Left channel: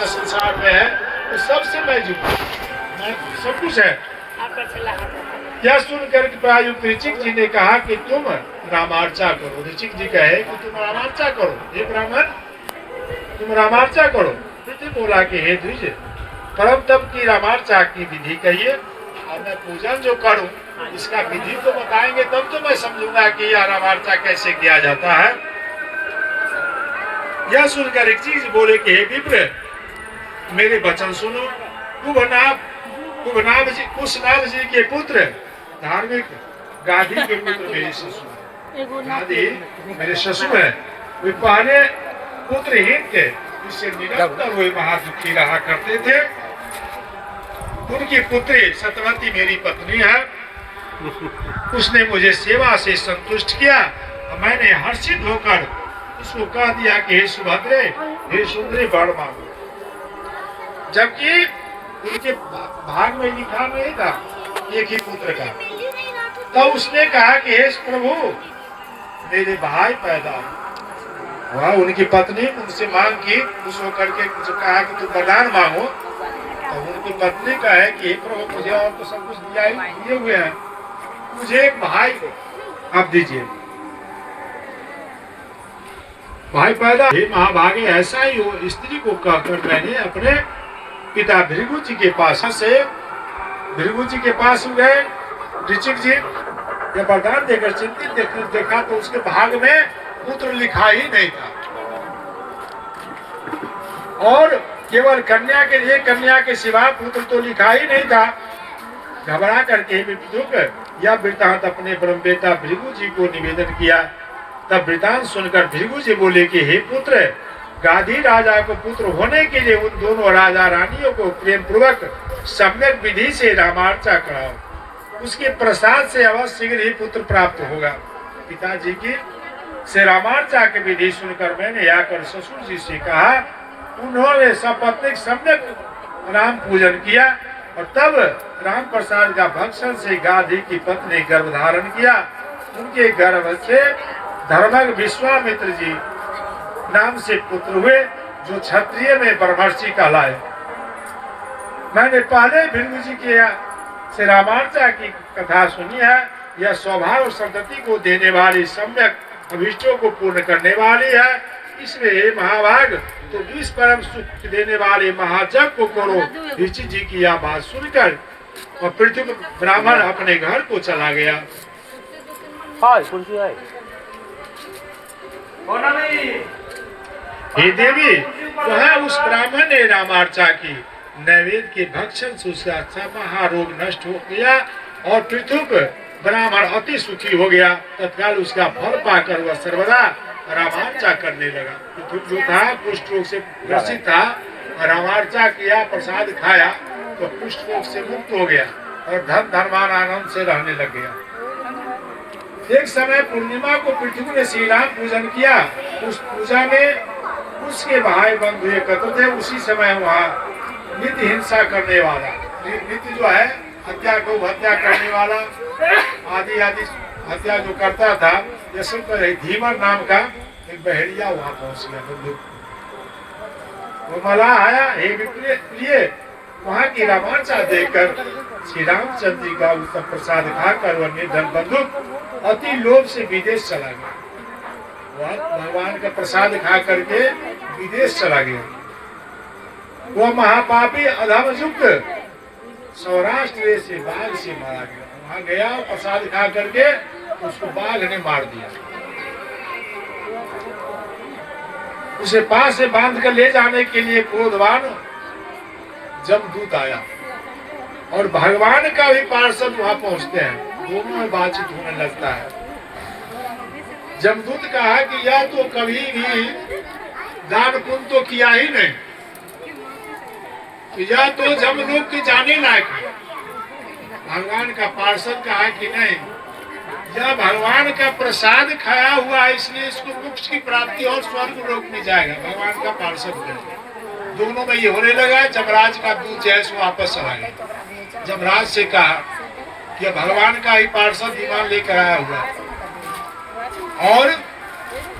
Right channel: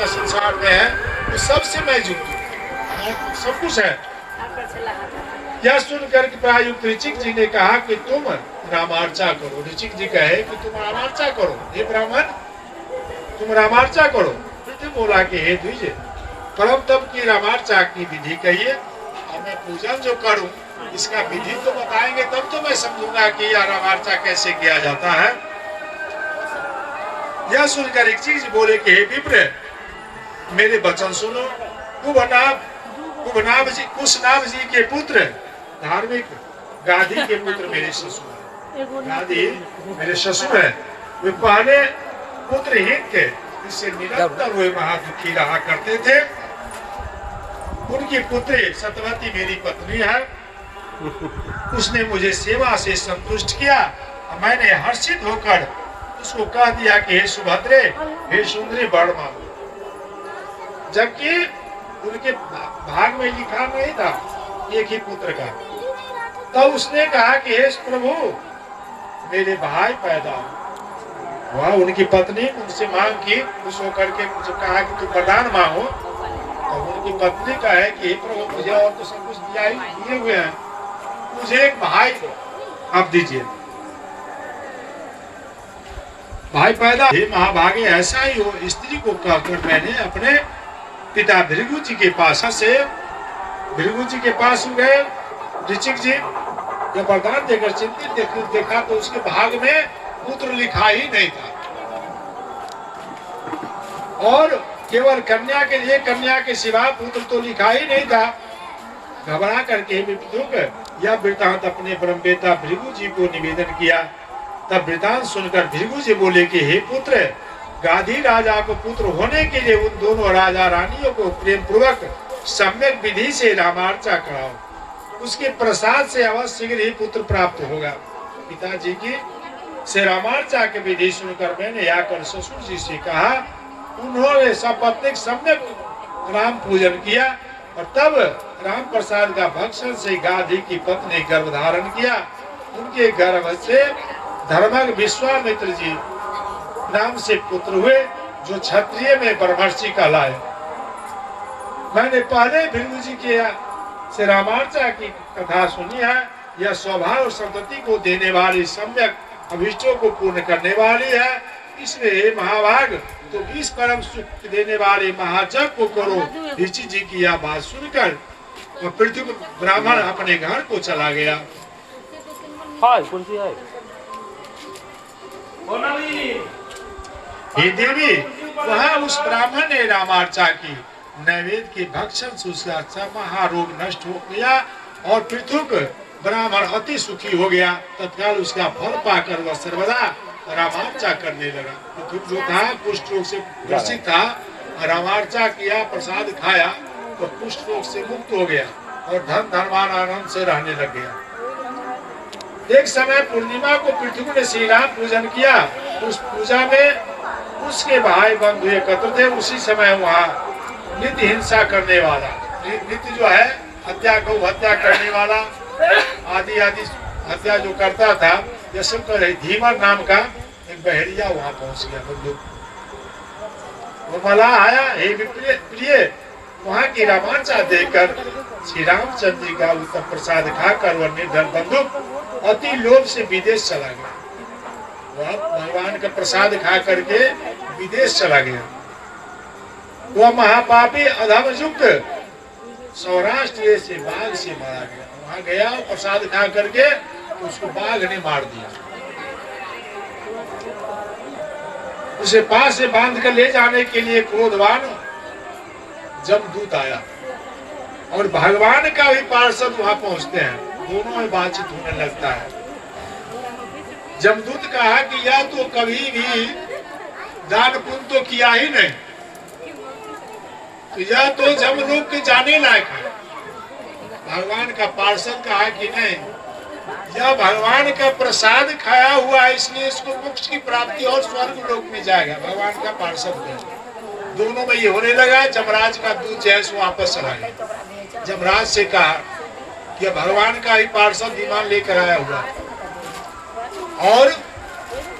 जितना संसार में है वो सबसे मैं जुड़ा, सब कुछ है। यह सुनकर प्रायुक्त ऋचिक जी ने कहा कि तुम रामार्चा करो। ऋचिक जी कहे कि तुम रामार्चा करो, हे ब्राह्मण तुम रामार्चा करो। फिर बोला कि हे द्विज परम तप की रामार्चा की विधि कहिए, और मैं पूजन जो करूं इसका विधि तो बताएंगे तब तो मैं समझूंगा कि यह रामार्चा कैसे किया जाता है। यह सुनकर एक चीज बोले कि हे विप्र मेरे वचन सुनो। कुशनाभ जी के पुत्र धार्मिक गाधी के पुत्र मेरे ससुर है। गाधी मेरे ससुर है। वे पहले पुत्रहीन थे, इससे निरंतर वे महादुखी रहा करते थे। उनकी पुत्री सत्यवती मेरी पत्नी है। उसने मुझे सेवा से संतुष्ट किया और मैंने हर्षित होकर उसको कह दिया कि हे सुभद्रे हे सुंदरी वर मांगो, जबकि उनके भाग में लिखा नहीं था एक ही पुत्र का। तो उसने कहा कि हे प्रभु मेरे भाई पैदा हुआ। उनकी पत्नी उनसे मांग की, खुश होकर के मुझे कहा कि तू वरदान मांगो। तो उनकी पत्नी का है कि प्रभु मुझे और तो सब कुछ दिए हुए हैं, मुझे एक भाई को अब दीजिए, भाई पैदा। हे महाभागे ऐसा ही हो। स्त्री को कहकर मैंने अपने पिता भृगु जी के पास से भृगु जी के पास गए। ऋचिक जी जब वरदान देकर चिंतित देखा तो उसके भाग में पुत्र लिखा ही नहीं था, और केवल कन्या के सिवा पुत्र तो लिखा ही नहीं था। घबरा करके यह वृतांत अपने ब्रह्मवेता भृगु जी को निवेदन किया। तब वृतांत सुनकर भृगु जी बोले कि हे पुत्र गाधी राजा को पुत्र होने के लिए उन दोनों राजा रानियों को प्रेम पूर्वक सम्यक विधि से रामार्चा कराओ, उसके प्रसाद से अवश्य शीघ्र ही पुत्र प्राप्त होगा। पिताजी की से रामार्चा की विधि सुनकर मैंने आकर ससुर जी से कहा। उन्होंने सपत्नीक सम्यक राम पूजन किया और तब राम प्रसाद का भक्षण से गाधी की पत्नी गर्भ धारण किया। उनके गर्भ से धर्मज्ञ विश्वामित्र जी नाम से पुत्र हुए, जो क्षत्रिय में ब्रह्मर्षि कहलाए। मैंने पहले भृगु जी के से रामार्चा की कथा सुनी है। यह स्वभाव संतति को देने वाली सम्यक अभिष्टों को पूर्ण करने वाली है। इसलिए महाभाग तो 20 परम सुख देने वाले महाजग को करो। ऋषि जी की यह बात सुनकर और पृथ्वी ब्राह्मण अपने घर को चला गया। हे देवी वहाँ उस ब्राह्मण ने रामार्चा की नैवेद्य के भक्षण से उसका महारोग नष्ट हो गया और पृथ्वी ब्राह्मण अति सुखी हो गया। तत्काल उसका फल पाकर वह सर्वदा रामार्चा करने लगा। पृथ्वी जो था कुष्ठ रोग से ग्रसित था, रामार्चा किया, प्रसाद खाया तो कुष्ठ रोग से मुक्त हो गया और धन धर्मान आनंद से रहने लग गया। एक समय पूर्णिमा को पृथ्वी ने श्री राम पूजन किया। उस पूजा में उसके भाई बंधु एकत्र थे। उसी समय वहाँ नित्य हिंसा करने वाला, नित्य जो है हत्या को हत्या करने वाला आदि हत्या जो करता था, जैसे धीमर नाम का एक बहेड़िया वहाँ पहुँच गया। बंदूक वो मलाह आया, हे प्रिय वहाँ की रामार्चा देखकर श्री रामचंद्र जी का उत्तम प्रसाद खाकर वह निर्धन बंधुक अति लोभ से विदेश चला गया। वह भगवान का प्रसाद खा करके विदेश चला गया। वह महापापी अधम युक्त सौराष्ट्र से बाघ से मारा गया। वहां गया प्रसाद खा करके उसको बाघ ने मार दिया। उसे पास से बांध कर ले जाने के लिए क्रोधवान जमदूत आया और भगवान का भी पार्षद वहां पहुंचते हैं। दोनों में बातचीत होने लगता है। जमदूत कहा कि यह तो कभी भी दान पुण्य तो किया ही नहीं, यह तो जमलोक के जाने लायक है। भगवान का पार्षद कहा कि नहीं, यह भगवान का प्रसाद खाया हुआ है, इसलिए इसको मोक्ष की प्राप्ति और स्वर्ग लोक में जाएगा। भगवान का पार्षद है। दोनों में ये होने लगा। जमराज का दूत जैसे वापस चला गया। जमराज से कहा कि भगवान का ही पार्षद विमान लेकर आया हुआ और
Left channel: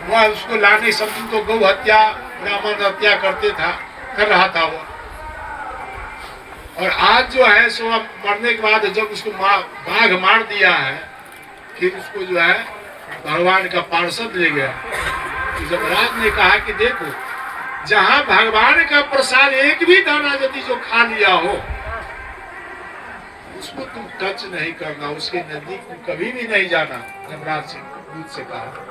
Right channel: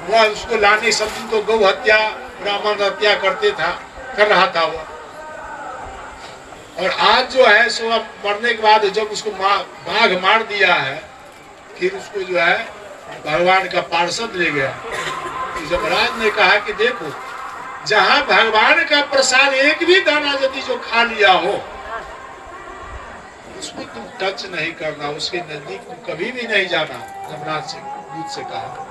वह उसको लाने समय तो गौ हत्या ब्राह्मण हत्या करते था, कर रहा था वो। और आज जो है सो अब मरने के बाद जब उसको बाघ मार दिया है, फिर उसको जो है भगवान का पार्षद ले गया। यमराज ने कहा कि देखो, जहां भगवान का प्रसाद एक भी दाना यदि जो खा लिया हो, उसको तुम टच नहीं करना, उसके नजदीक तुम कभी भी नहीं जाना। यमराज से दूत से कहा।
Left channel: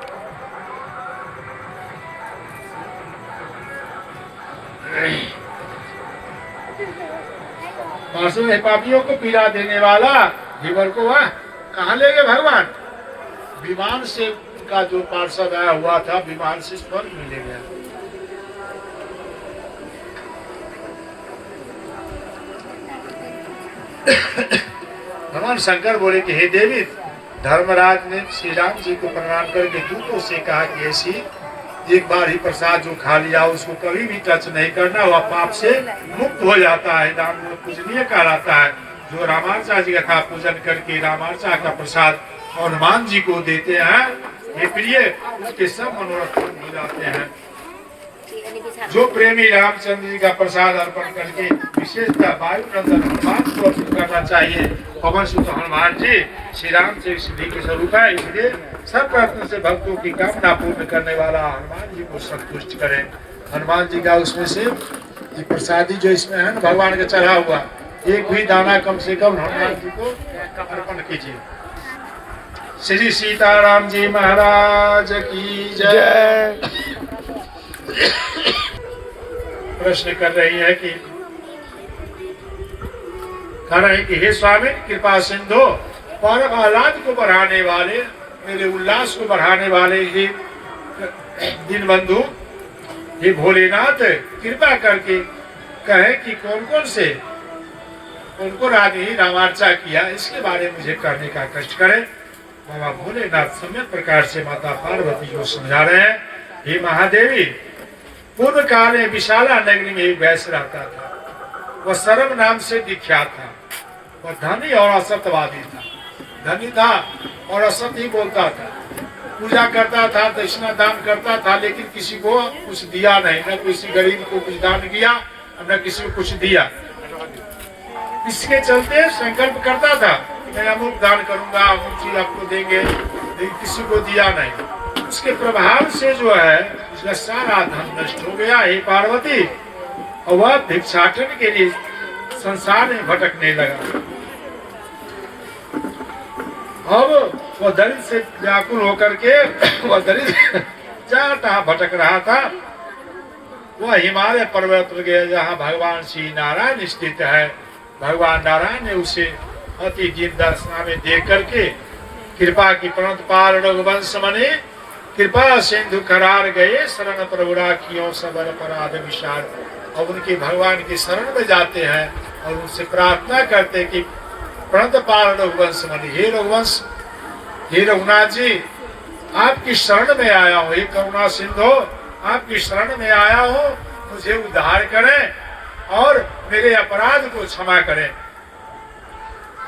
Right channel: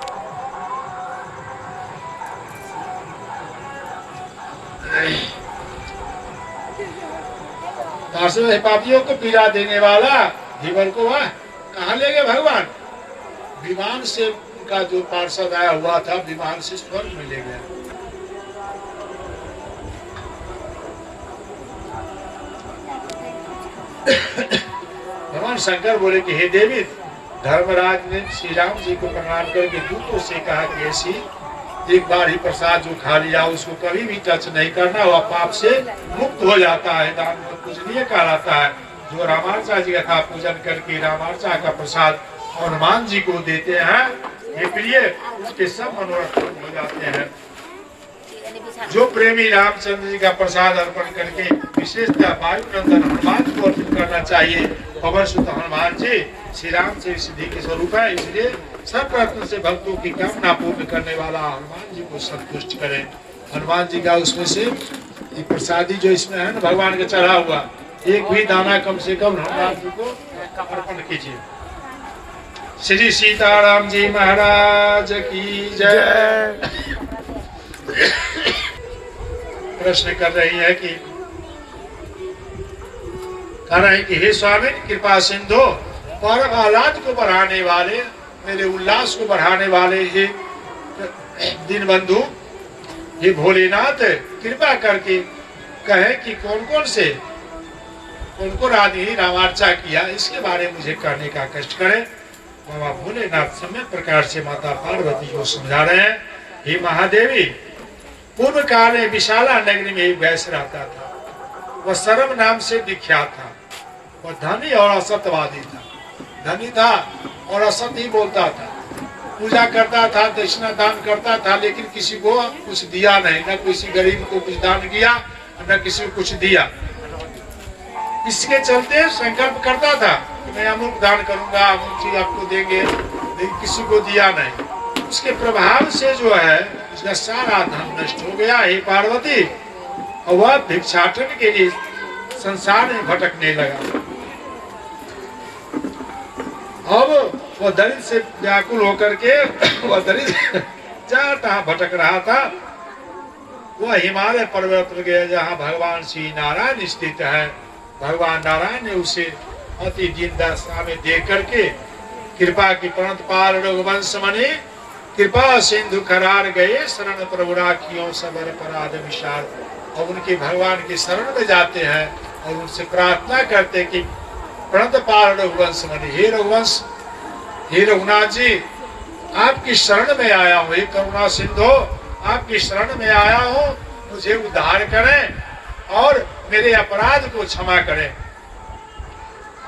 पापियों को पीड़ा देने वाला धीवर को वह कहाँ ले गए भगवान? विमान से उनका जो पार्षद आया हुआ था, विमान से स्वर्ग में ले गया। भगवान शंकर बोले कि हे देवी, धर्मराज ने श्री राम जी को प्रणाम करके दूतों से कहा कि ऐसी एक बार ही प्रसाद जो खा लिया उसको कभी भी टच नहीं करना, वह पाप से मुक्त हो जाता है, दान में पूजनीय कहलाता है। जो रामार्चा जी का था पूजन करके रामार्चा का प्रसाद हनुमान जी को देते हैं, ये प्रिय उसके सब मनोरथ पूर्ण हो जाते हैं। जो प्रेमी रामचंद्र जी का प्रसाद अर्पण करके विशेषतः वायु नंदन हनुमान को अर्पित करना चाहिए। पवन सुत हनुमान जी श्री राम से सिद्धि के स्वरूप है, इसलिए सब प्रयत्न से भक्तों की कामना पूर्ण करने वाला हनुमान जी को संतुष्ट करें। हनुमान जी का उसमें से प्रसादी जो इसमें है ना भगवान का चढ़ा हुआ, एक भी दाना कम से कम हनुमान जी को अर्पण कीजिए। श्री सीताराम जी महाराज की जय। प्रश्न कर रही है कि कह रहे हैं कि हे स्वामी कृपा सिंधु, परम आह्लाद को बढ़ाने वाले, मेरे उल्लास को बढ़ाने वाले हे दीन बंधु, हे भोलेनाथ, कृपा करके कहे कि कौन कौन आदमी रामार्चा किया, इसके बारे में मुझे करने का कष्ट करे। बाबा भोलेनाथ समय प्रकार से माता पार्वती को समझा रहे हैं। हे महादेवी, पूर्व काल में विशाला नगरी में एक वैश्य रहता था। वह सरम नाम से विख्यात था। वह धनी और असत्यवादी था। धनी था और असत्य ही बोलता था, पूजा करता था, दक्षिणा दान करता था, लेकिन किसी को कुछ दिया नहीं, न किसी गरीब को कुछ दान किया, न किसी को कुछ दिया। इसके चलते संकल्प करता था कि मैं अमुक दान करूंगा, अमुक चीज आपको देंगे, लेकिन किसी को दिया नहीं। उसके प्रभाव से जो है उसका सारा धन नष्ट हो गया। हे पार्वती, और वह भिक्षाटन के लिए संसार में भटकने लगा। अब वह दरिद्र से व्याकुल होकर के वह दरिद्र जहाँ तहाँ भटक रहा था। वह हिमालय पर्वत पर गया जहाँ भगवान श्री नारायण स्थित है। भगवान नारायण ने उसे अति दीन दशा में देख करके कृपा की परंत पार रघुवंश मने कृपा सिंधु करार गए, शरण प्रभु राखियों सबर अपराध विशाल। और उनके भगवान की शरण में जाते हैं और उनसे प्रार्थना करते कि प्रणत पार रघुवंश मने, हे रघुवंश, हे रघुनाथ जी, आपकी शरण में आया हूँ, हे करुणा सिंधु, आपकी शरण में आया हूँ, मुझे उद्धार करें और मेरे अपराध को क्षमा करें।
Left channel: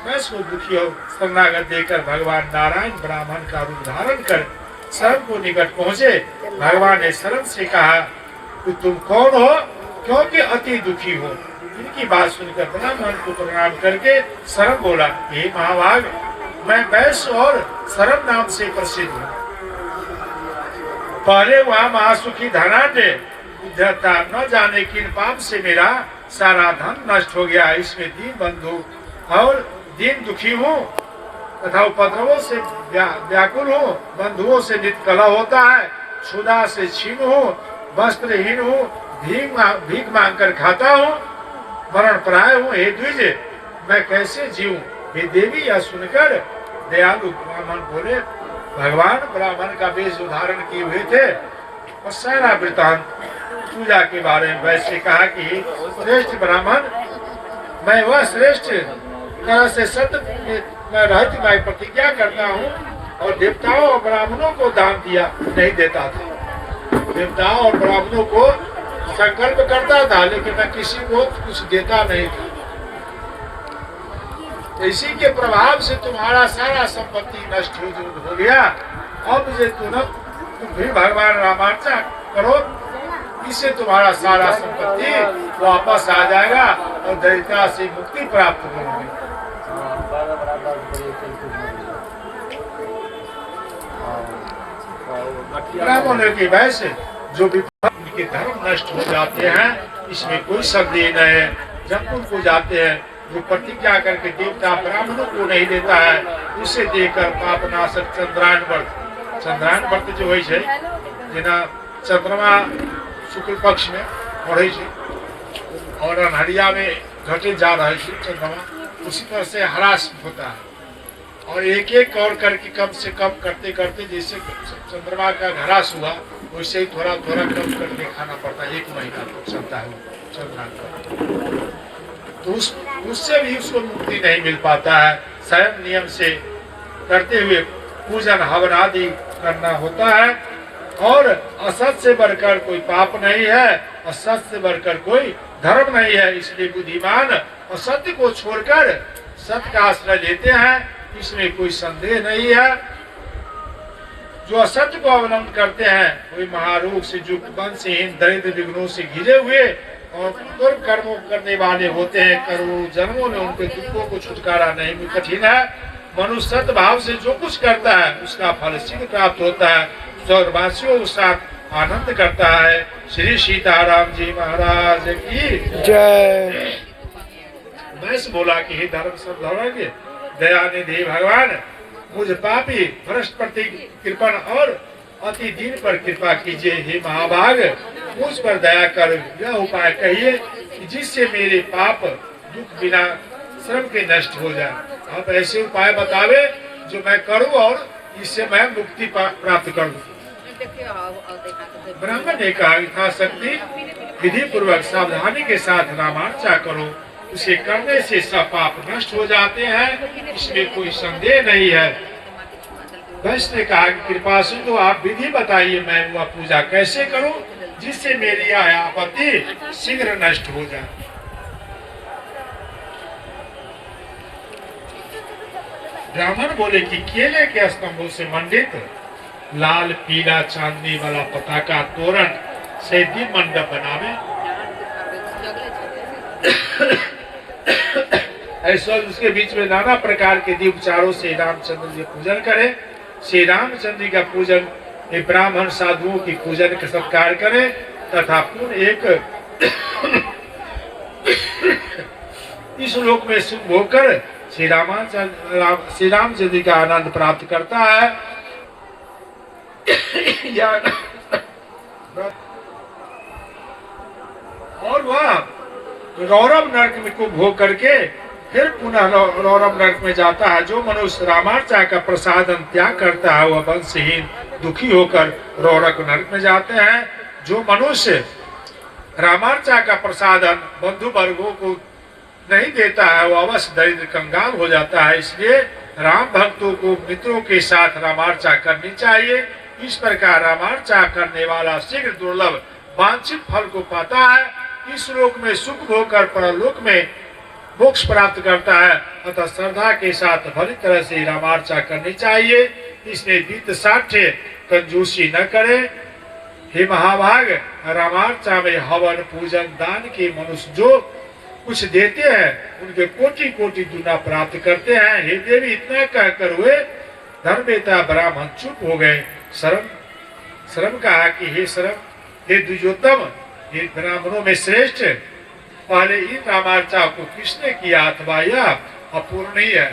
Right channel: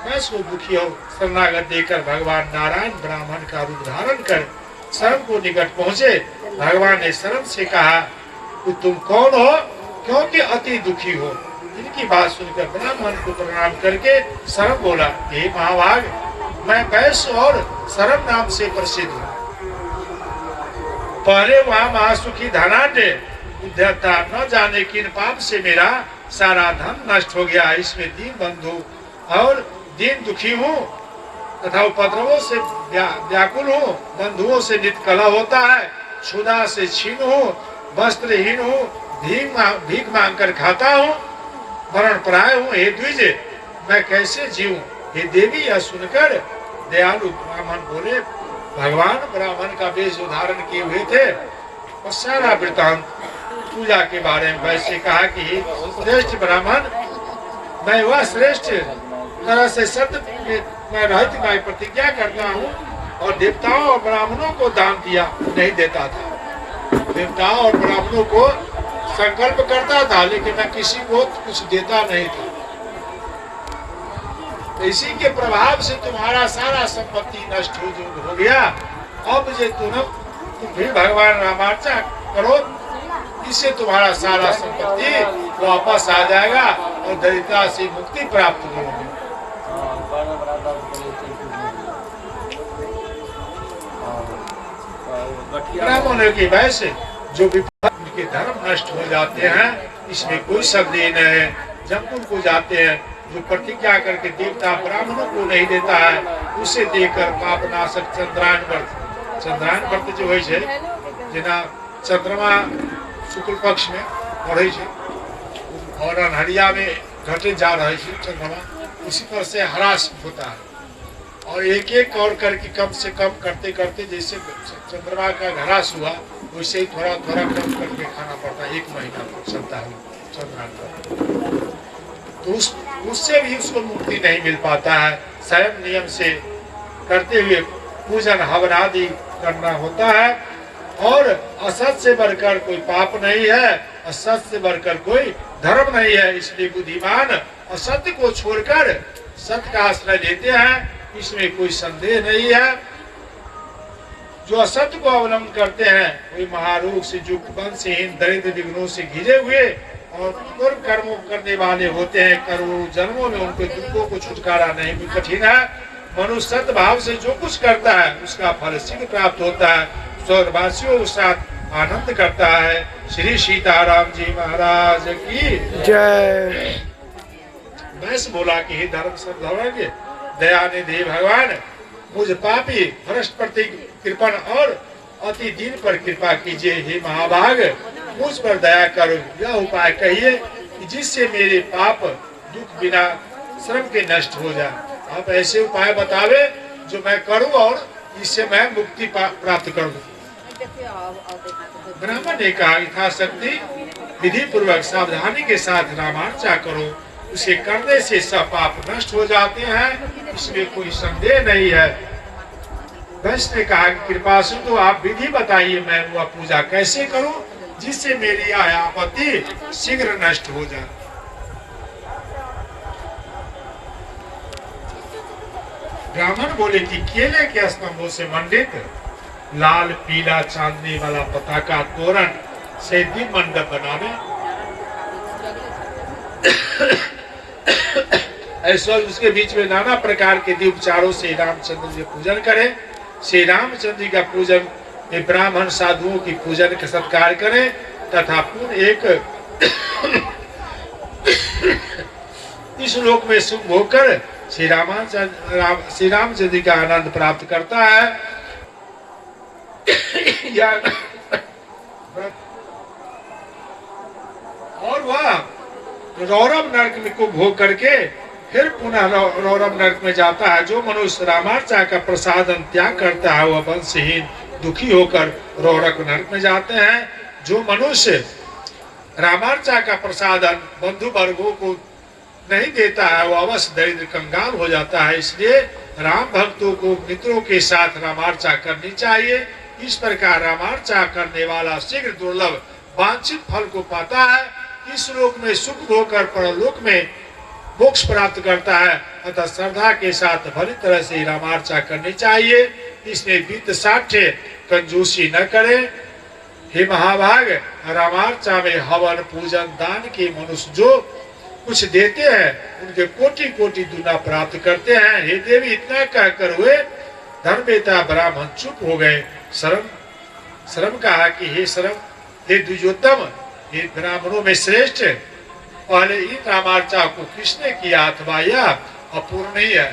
मैं सो दुखी हो शरणागत देकर भगवान नारायण ब्राह्मण का रूप धारण कर शरण को निकट पहुंचे। भगवान ने शरण से कहा कि तुम कौन हो, क्योंकि अति दुखी हो। इनकी बात सुनकर ब्राह्मण को प्रणाम करके शरण बोला, हे महाभाग, मैं वैश्य और शरण नाम से प्रसिद्ध हूँ। पहले वहाँ महासुखी धनाढ्य उद्धता, न जाने किन पाप से मेरा सारा धन नष्ट हो गया। इसमें दीन बंधु और दीन दुखी हूँ तथा उपद्रवों से व्याकुल हूँ। बंधुओं से नित्य कलह होता है, क्षुधा से क्षीण हूँ, वस्त्रहीन हूँ, भीख मांग कर खाता हूँ, मरण प्राय हूँ। हे द्विज, मैं कैसे जीऊं? हे देवी, यह सुनकर दयालु ब्राह्मण बोले। भगवान ब्राह्मण का वेश धारण किए हुए थे और सारा वृतांत पूजा के बारे में वैसे कहा कि श्रेष्ठ ब्राह्मण, मैं वह श्रेष्ठ तरह से सत्य मैं रहती मैं प्रतिज्ञा करता हूँ और देवताओं और ब्राह्मणों को दान दिया नहीं देता था। देवताओं और ब्राह्मणों को संकल्प करता था, लेकिन मैं किसी को कुछ देता नहीं था। तो इसी के प्रभाव से तुम्हारा सारा संपत्ति नष्ट हो गया। अब मुझे तुम भी भगवान रामार्चा करो इससे तुम्हारा सारा संपत्ति वापस आ जाएगा और दरिद्रता से मुक्ति प्राप्त करोगे। ब्राह्मणों की वैसे जो उनके धर्म नष्ट हो जाते हैं, इसमें कोई संदेह न है। जब को जाते हैं, जो प्रतिज्ञा करके देवता ब्राह्मणों को नहीं देता है, उसे देकर पापनाशक चंद्रायन व्रत जो है जेना चंद्रमा शुक्ल पक्ष में बढ़े और अन्हरिया में घटे जा रहे चंद्रमा, उसी तरह से ह्रास होता है और एक एक और करके कम से कम करते करते जैसे चंद्रमा का ह्रास हुआ वैसे ही थोड़ा थोड़ा कम करके खाना पड़ता है। 1 महीना चलता है चंद्रमा का, तो उससे भी उसको मुक्ति नहीं मिल पाता है। स्वयं नियम से करते हुए पूजन हवन आदि करना होता है और असत से बढ़कर कोई पाप नहीं है, असत से बढ़कर कोई धर्म नहीं है। इसलिए बुद्धिमान असत्य को छोड़कर सत्य का आश्रय लेते हैं, इसमें कोई संदेह नहीं है। जो असत्य को अवलंबन करते हैं कोई महारोग से युक्त, वंशहीन, दरिद्र, विघ्नों से घिरे हुए और दुर्ग कर्मों करने वाले होते हैं। करोड़ों जन्मों में उनके दुखों को छुटकारा नहीं भी कठिन है। मनुष्य सत्य भाव से जो कुछ करता है उसका फल शीघ्र प्राप्त होता है। स्वर्गवासियों के साथ आनंद करता है। श्री सीताराम जी महाराज की जय। वैसे बोला कि हे धर्म सर्वधर्मज्ञ दयानिधि भगवान, मुझ पापी भ्रष्ट प्रति कृपण और अति दीन पर कृपा कीजिए। हे महाभाग, मुझ पर दया कर यह उपाय कहिए कि जिससे मेरे पाप दुख बिना श्रम के नष्ट हो जाए। आप ऐसे उपाय बतावे जो मैं करूं और इससे मैं मुक्ति प्राप्त करूं। ब्राह्मण ने कहा, यथाशक्ति विधि पूर्वक सावधानी के साथ रामार्चा करो, उसे करने से सब पाप नष्ट हो जाते हैं, इसमें कोई संदेह नहीं है। वैश्य ने कहा कि कृपा सिंधु आप विधि बताइए, मैं वह पूजा कैसे करूं जिससे मेरी यह आपत्ति शीघ्र नष्ट हो जाए। ब्राह्मण बोले कि केले के स्तंभों से मंडित लाल पीला चांदनी वाला पताका तोरण से दीप मंडप बनावे, ऐसा उसके बीच में नाना प्रकार के दीप चारों से रामचंद्र जी पूजन करें। श्री रामचंद्र जी का पूजन ब्राह्मण साधुओं की पूजन का सत्कार करें तथा पुनः एक इस लोक में सुख होकर श्री रामचंद्र जी का आनंद प्राप्त करता है। और वह रौरव नरक में को भोग करके फिर पुनः रौरव नरक में जाता है। जो मनुष्य रामार्चा का प्रसादन त्याग करता है वह वंशहीन दुखी होकर रौरव नरक में जाते हैं। जो मनुष्य रामार्चा का प्रसादन बंधु वर्गों को नहीं देता है वह अवश्य दरिद्र कंगाल हो जाता है। इसलिए राम भक्तों को मित्रों के साथ रामार्चा करनी चाहिए। इस प्रकार रामार्चा करने वाला शीघ्र दुर्लभ वांछित फल को पाता है। इस लोक में सुख होकर परलोक में मोक्ष प्राप्त करता है। अतः श्रद्धा के साथ भली तरह से रामार्चा करनी चाहिए। इसमें वित्त साठ्य कंजूसी न करे। हे महाभाग, रामार्चा में हवन पूजन दान के मनुष्य जो कुछ देते हैं उनके कोटि कोटि दुना प्राप्त करते हैं। हे देवी, इतना कहकर हुए धर्मवेता ब्राह्मण चुप हो गए। शर्म कहा कि हे शर्म, हे द्विजोत्तम, हे ब्राह्मणों में श्रेष्ठ, पहले इन रामार्चा को किसने किया अथवा यह अपूर्ण ही है।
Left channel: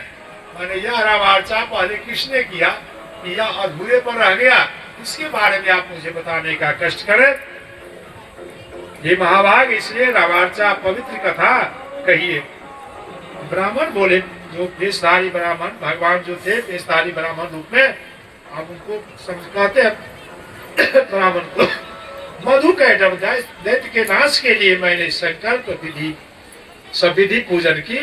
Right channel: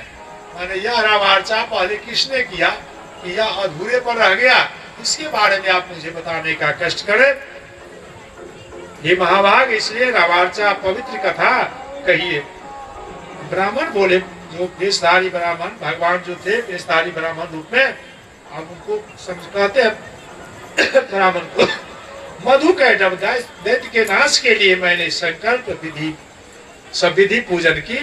माने यह रामार्चा पहले किसने किया, यह अधूरे पर रह गया, इसके बारे में आप मुझे बताने का कष्ट करें। ये महाभाग, इसलिए रामार्चा पवित्र कथा कहिए। ब्राह्मण बोले, जो वेशधारी ब्राह्मण, भगवान जो थे वेशधारी ब्राह्मण रूप में, आप उनको समझाते हैं ब्राह्मण को। मधु कैटभ दैत्य के नाश के लिए मैंने संकल्प विधि सब विधि पूजन की।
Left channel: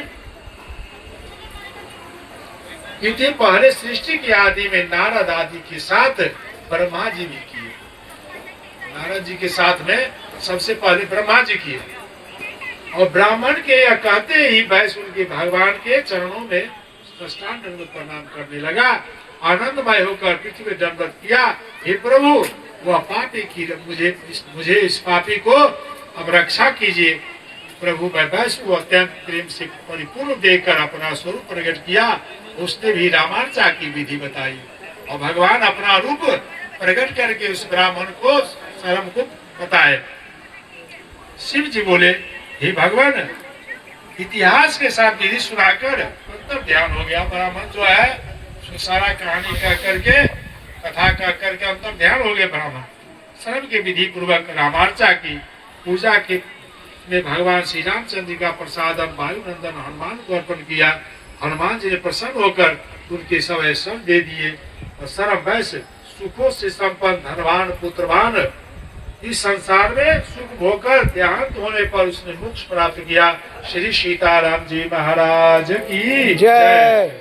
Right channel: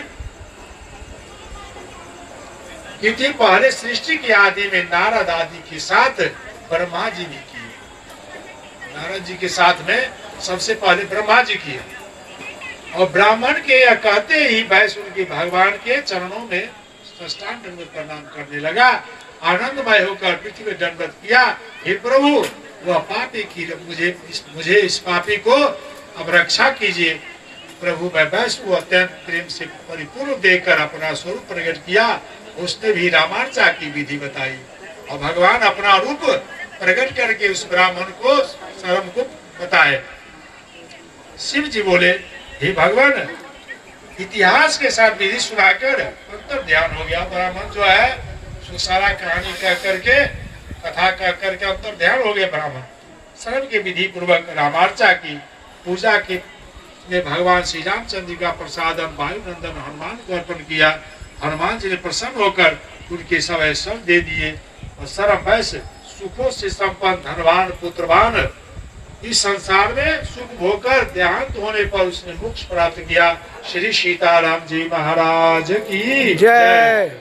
क्योंकि पहले सृष्टि की आदि में नारद आदि के साथ ब्रह्मा जी भी किए। नारद जी के साथ में सबसे पहले ब्रह्मा जी किया और ब्राह्मण के यह कहते ही वैश्य उनके भगवान के चरणों में साष्टांग दंडवत प्रणाम करने लगा। आनंदमय होकर पृथ्वी में दंडवत किया। हे प्रभु, वह पापी की मुझे इस पापी को अब रक्षा कीजिए। प्रभु मैं वैश्य को अत्यंत प्रेम से परिपूर्ण देकर अपना स्वरूप प्रकट किया। उसने भी रामार्चा की विधि बताई और भगवान अपना रूप प्रकट करके उस ब्राह्मण को शर्म को बताए। शिव जी बोले, हे भगवान, इतिहास के साथ विधि सुनाकर अंतर ध्यान हो गया। ब्राह्मण जो है सारा कहानी कह करके कथा कह करके अंतर ध्यान हो गया। ब्राह्मण शर्म के विधि पूर्वक रामार्चा की पूजा के में भगवान श्री रामचंद्र जी का प्रसादन वायुनंदन हनुमान को अर्पण किया। हनुमान जी ने प्रसन्न होकर उनके सब ऐश्वर्य दे दिए और सर्व वैश्य सुखों से संपन्न धनवान पुत्रवान इस संसार में सुख भोकर देहांत होने पर उसने मोक्ष प्राप्त किया। श्री सीताराम जी महाराज की जय।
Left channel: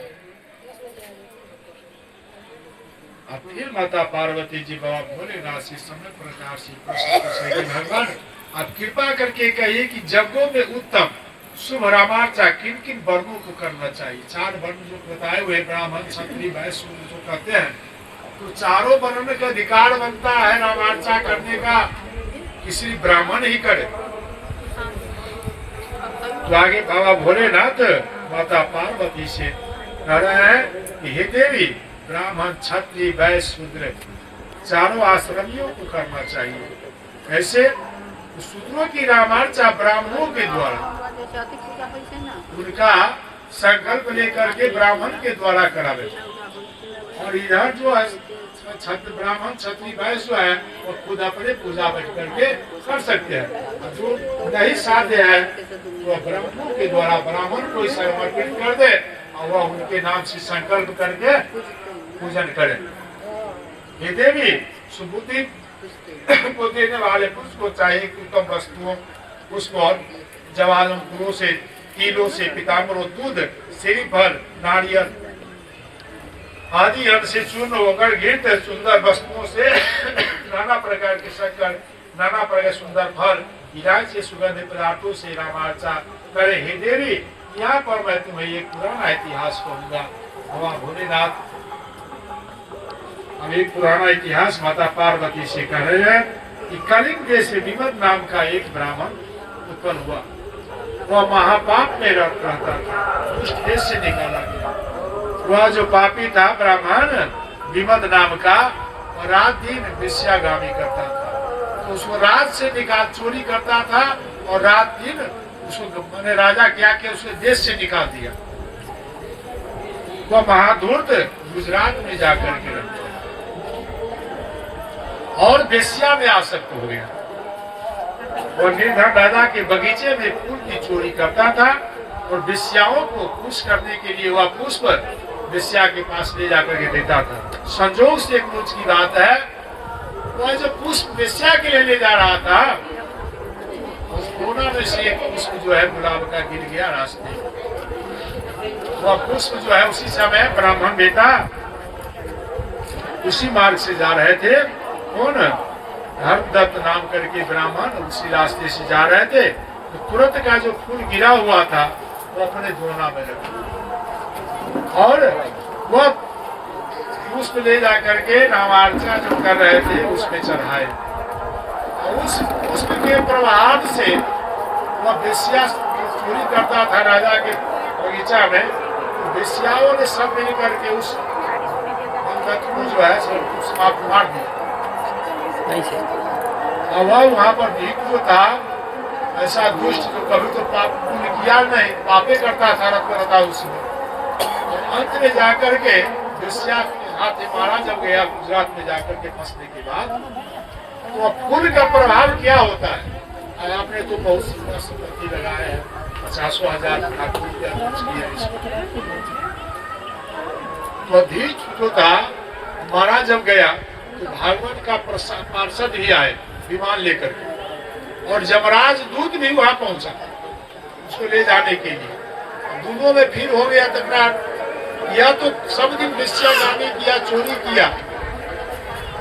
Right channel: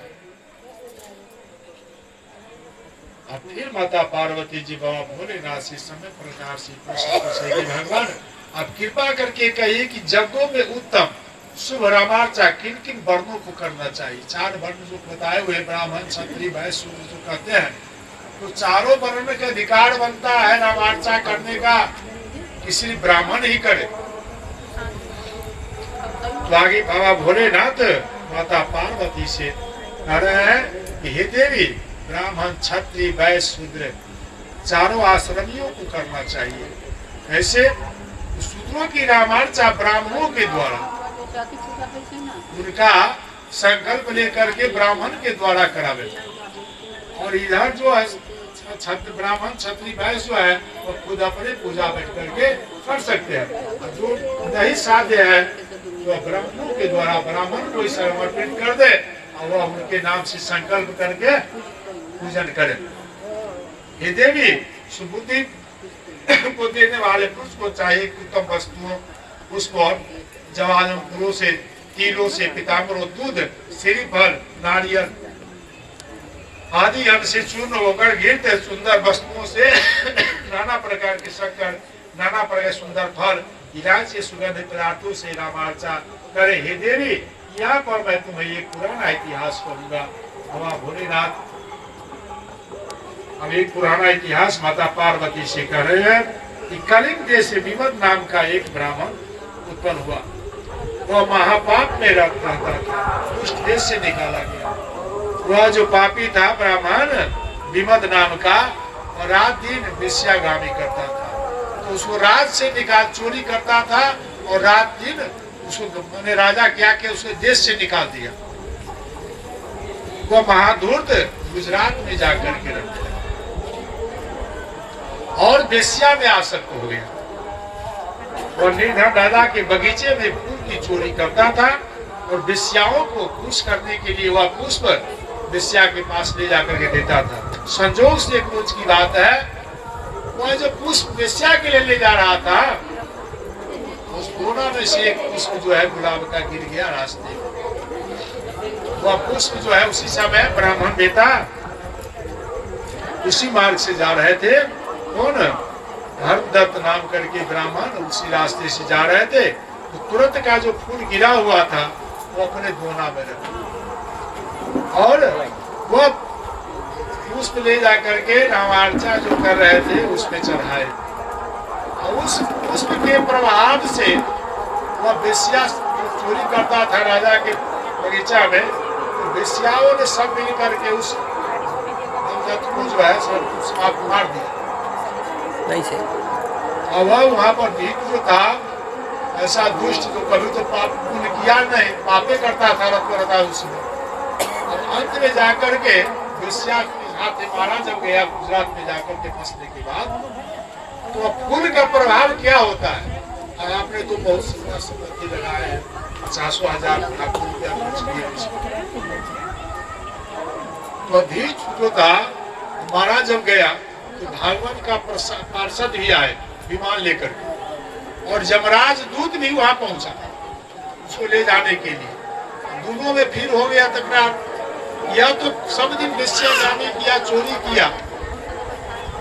अब फिर माता पार्वती जी बाबा भोलेनाथ से समय प्रकार से प्रश्न पूछे, भगवान आप कृपा करके कहिए कि जगों में उत्तम शुभ रामार्चा किन किन वर्णों को करना चाहिए। 4 वर्ण जो बताए हुए ब्राह्मण क्षत्रिय वैश्य शूद्र जो कहते हैं, तो चारों वर्ण का अधिकार बनता है रामार्चा करने का, किसी ब्राह्मण ही करे। तो आगे बाबा भोलेनाथ माता पार्वती से कह रहे हैं कि हे देवी, ब्राह्मण क्षत्रिय वैश्य शूद्र चारों आश्रमियों को करना चाहिए। ऐसे शूद्रों की रामार्चा ब्राह्मणों के द्वारा उनका संकल्प लेकर के ब्राह्मण के द्वारा करावे, और इधर जो है ब्राह्मण क्षत्रिय वैश्य है वो खुद अपने पूजा बैठ करके कर सकते हैं। जो नहीं साध्य है तो ब्राह्मणों के द्वारा ब्राह्मण को समर्पित कर दे और वह उनके नाम से संकल्प करके पूजन करे। हे देवी, सुबुद्धि को देने वाले पुरुष को चाहिए कि उत्तम वस्तुओं पुष्प और जवालंकुरों से, तिलों से, पीताम्बरों, दूध, श्रीफल, नारियल आदि अन्न से चूर्ण होकर गिरते सुंदर वस्तुओं से नाना प्रकार के शक्कर, नाना प्रकार सुंदर फल, इलायची सुगंधित पदार्थों से रामार्चा करे। हे देवी, यहाँ पर मैं तुम्हें एक पुराना इतिहास कहूंगा। बाबा भोलेनाथ अब एक पुराना इतिहास माता पार्वती से कह रहे हैं कि कलिंग देश से विमद नाम का एक ब्राह्मण उत्पन्न हुआ। वह महापाप में रहता था, उस देश से निकाला गया। वह जो पापी था ब्राह्मण विमद नाम का, और रात दिन वेश्यागामी करता था। तो उसको रात से निकाल चोरी करता था और रात दिन उसको मैंने राजा क्या किया, उसके देश से निकाल दिया। वह महाधूर्त गुजरात में जाकर के रहता और वेश्या में आसक्त हो गया। और निर्धन दादा के बगीचे में फूल की चोरी करता था और वेश्याओं को खुश करने के लिए वह पुष्प वेश्या के पास ले जाकर के देता था। संजोग से एक रोज की बात है, वह जो पुष्प वेश्या के लिए ले जा रहा था, उस कोना में से एक पुष्प जो है गुलाब का गिर गया रास्ते। वह पुष्प जो है उसी समय ब्राह्मण बेटा उसी मार्ग से जा रहे थे, कौन धर्मदत्त नाम करके ब्राह्मण उसी रास्ते से जा रहे थे। तो तुरंत का जो फूल गिरा हुआ था वो अपने दोना में रखा और वह पुष्प ले जा करके रामार्चा जो कर रहे थे उसमें चढ़ाए। और उस पुष्प के प्रभाव से वह वेश्या चोरी करता था राजा के बगीचा में। तो वेश्याओं ने सब मिल करके उस को जो है समाप्त मार दिया। और वह वहाँ पर भीख जो था ऐसा दुष्ट जो कभी तो पाप पुण्य किया नहीं, पापे करता था, रहता उसमें। और अंत में जाकर के वेश्या के हाथ मारा जब गया गुजरात में जाकर के फंसने के बाद, तो फूल का प्रभाव क्या होता है। आपने तो बहुत सुंदर संपत्ति लगाया है, 50,000 तो भीख जो था मारा जब गया तो भागवत का पार्षद भी आए विमान लेकर के, और यमराज दूत भी वहां पहुंचा उसको ले जाने के लिए। दोनों में फिर हो गया तकरार। या तो सब दिन वेश्यागामी किया, चोरी किया,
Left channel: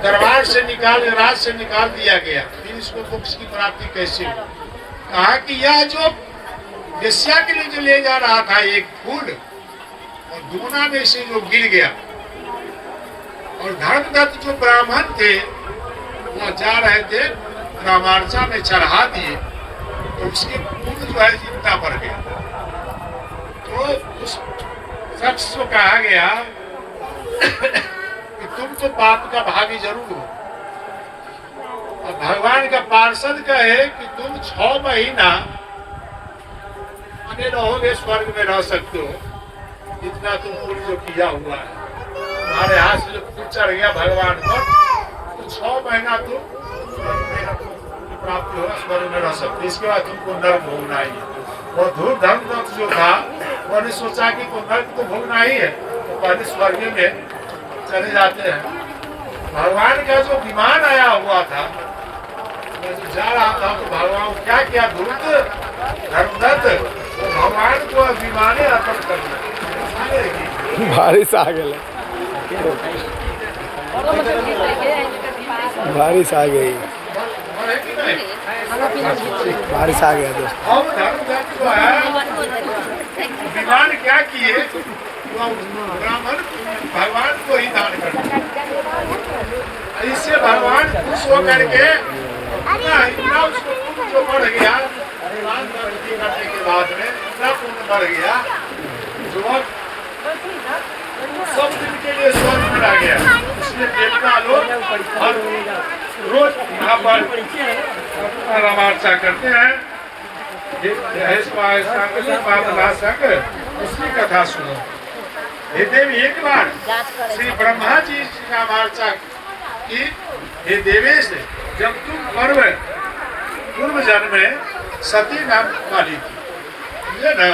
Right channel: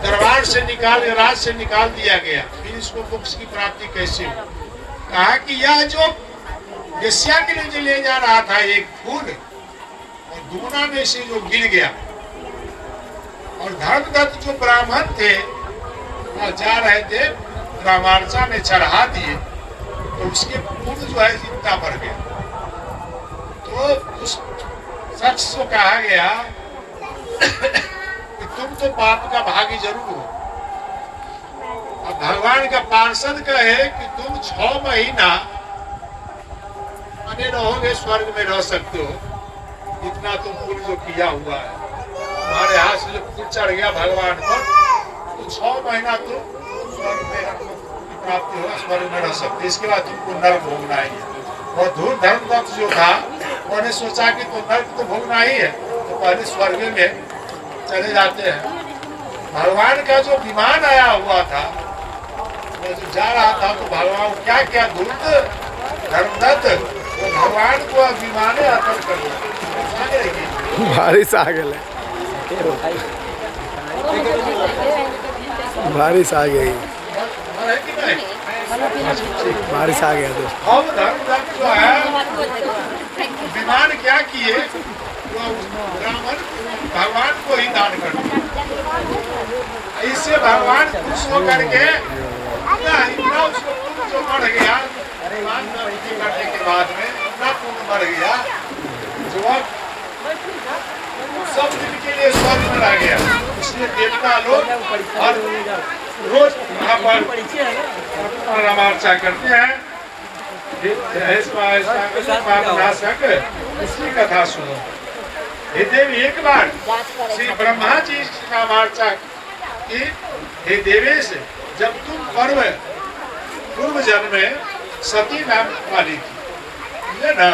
दरबार से निकाल राज से निकाल दिया गया, फिर इसको मोक्ष की प्राप्ति कैसे हुई। कहा कि यह जो वेश्या के लिए जो ले जा रहा था एक फूल, और दोना में से जो गिर गया, और धर्मदत्त जो ब्राह्मण थे वहाँ जा रहे थे, रामार्चा में चढ़ा दिए तो उसके पुण्य जो है जितना बढ़ गया। तो उस शख्स को कहा गया कि तुम तो पाप का भागी जरूर हो। अब भगवान का पार्षद कहे कि तुम 6 महीना बने रहोगे, स्वर्ग में रह सकते हो, इतना तुम पुण्य जो किया हुआ है, तुम्हारे हाथ से जो पुण्य चढ़ गया भगवान पर, तो 6 महीना तुम स्वर्ग में प्राप्ति होगा, स्वर्ग में रह सकते। इसके बाद तुमको नरक भोगना ही है। और धूर धर्मदत्त जो था उन्होंने सोचा कि तो नरक तो भोगना ही है, तो पहले स्वर्ग में चले जाते हैं। भगवान का जो विमान आया हुआ था, वो जो जा रहा था, तो भगवान क्या क्या धूर्त धर्मदत्त तो भगवान को विमान अर्पण कर दिया। बारिश आ गई, बारिश आ गई, बारिश आ गया। तो अब धर्मदत्त जो है विमान क्या किए, ब्राह्मण भगवान को ही दान कर दिया। इससे भगवान खुश होकर के इतना उसको पुण्य जो बढ़ गया, विमान करने के बाद में इतना पुण्य बढ़ गया जो सब दिन के लिए स्वर्ग में रह गया। इसलिए देवता लोग हर रोज यहाँ पर रामार्चा करते हैं। उसकी कथा सुनो। हे देवी, एक बार श्री ब्रह्मा जी रामार्चा की, हे देवेश, जब तुम पूर्व जन्म में सती नाम वाली थी ना,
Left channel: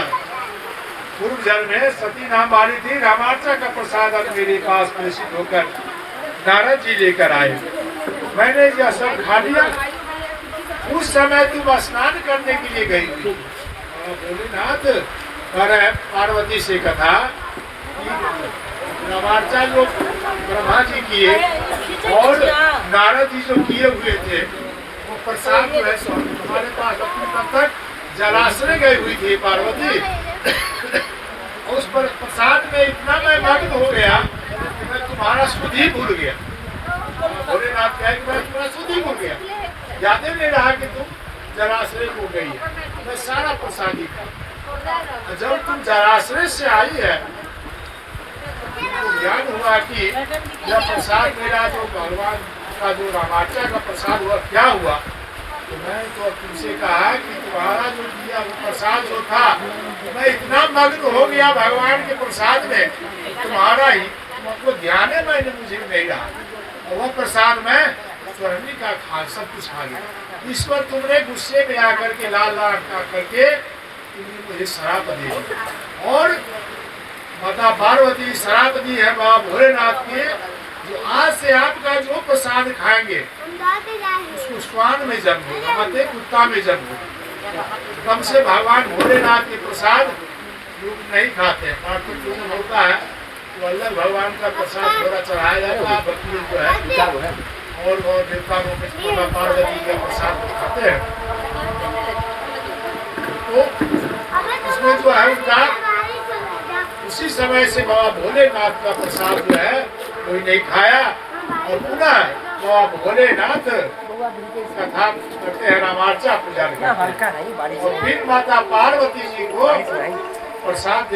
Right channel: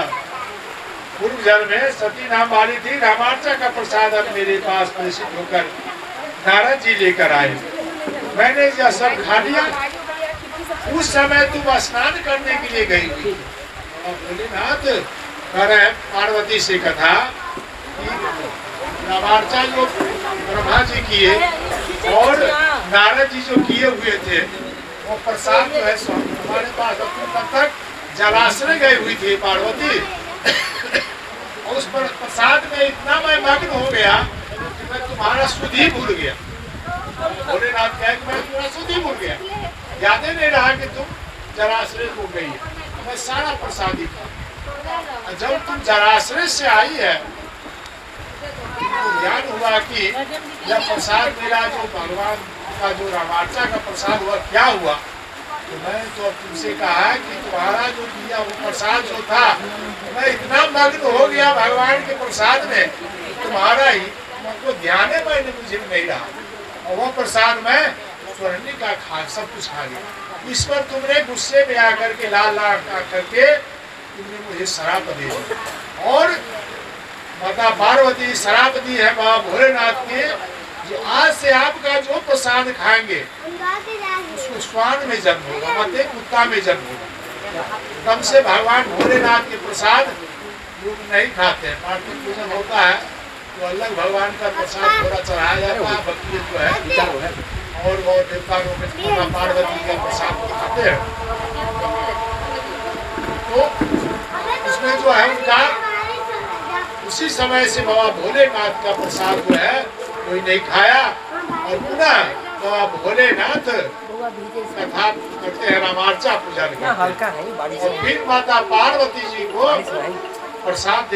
पूर्व जन्म में सती नाम वाली थी, रामार्चा का प्रसाद अब मेरे पास प्रेषित होकर नारद जी लेकर आए। मैंने यह सब खा लिया। उस समय तुम स्नान करने के लिए गई थी। भोलेनाथ कह रहे पार्वती से कथा, रामार्चा जो ब्रह्मा जी किए और नारद जी जो किए हुए थे, वो प्रसाद जो है हमारे पास तब तक जलाश्रय गई हुई थी पार्वती। और उस पर प्रसाद में इतना मैं मग्न हो गया कि मैं तुम्हारा सुध ही भूल गया। भोलेनाथ कहे कि मैं तुम्हारा सुध ही भूल गया, याद ही नहीं रहा कि तुम जलाश्रय हो गई। मैं सारा प्रसाद ही खा। जब तुम जलाश्रय से आई है, तो याद हुआ कि जब प्रसाद मेरा जो भगवान का जो रामार्चा का प्रसाद हुआ, क्या हुआ, तो मैं तो तुमसे कहा कि तुम्हारा जो दिया वो प्रसाद जो था, मैं इतना मग्न हो गया भगवान के प्रसाद में, तुम्हारा ही मतलब ध्यान है मैंने मुझे नहीं रहा। और वो प्रसाद में स्वर्णी का खा सब कुछ खा गया। ईश्वर तुमने गुस्से में आकर के लाल लाल करके तुमने मुझे शराप दे दी। और माता पार्वती शराप दी है बाबा भोलेनाथ के, जो आज से आपका जो प्रसाद खाएंगे उसको स्वान में जन्म होगा, मते कुत्ता में जन्म होगा। कम से भगवान भोलेनाथ के प्रसाद लोग नहीं खाते हैं। पार्वती पूजन होता है तो अलग भगवान का प्रसाद थोड़ा चढ़ाया जाता है, बकरी जो है और वो देवता माता पार्वती का प्रसाद खाते हैं। तो उसमें जो है उनका उसी समय से बाबा भोलेनाथ का प्रसाद जो है कोई नहीं खाया। और पुनः बाबा भोलेनाथ कथा करते हैं, रामार्चा पूजा करते हैं। और फिर माता पार्वती जी को प्रसाद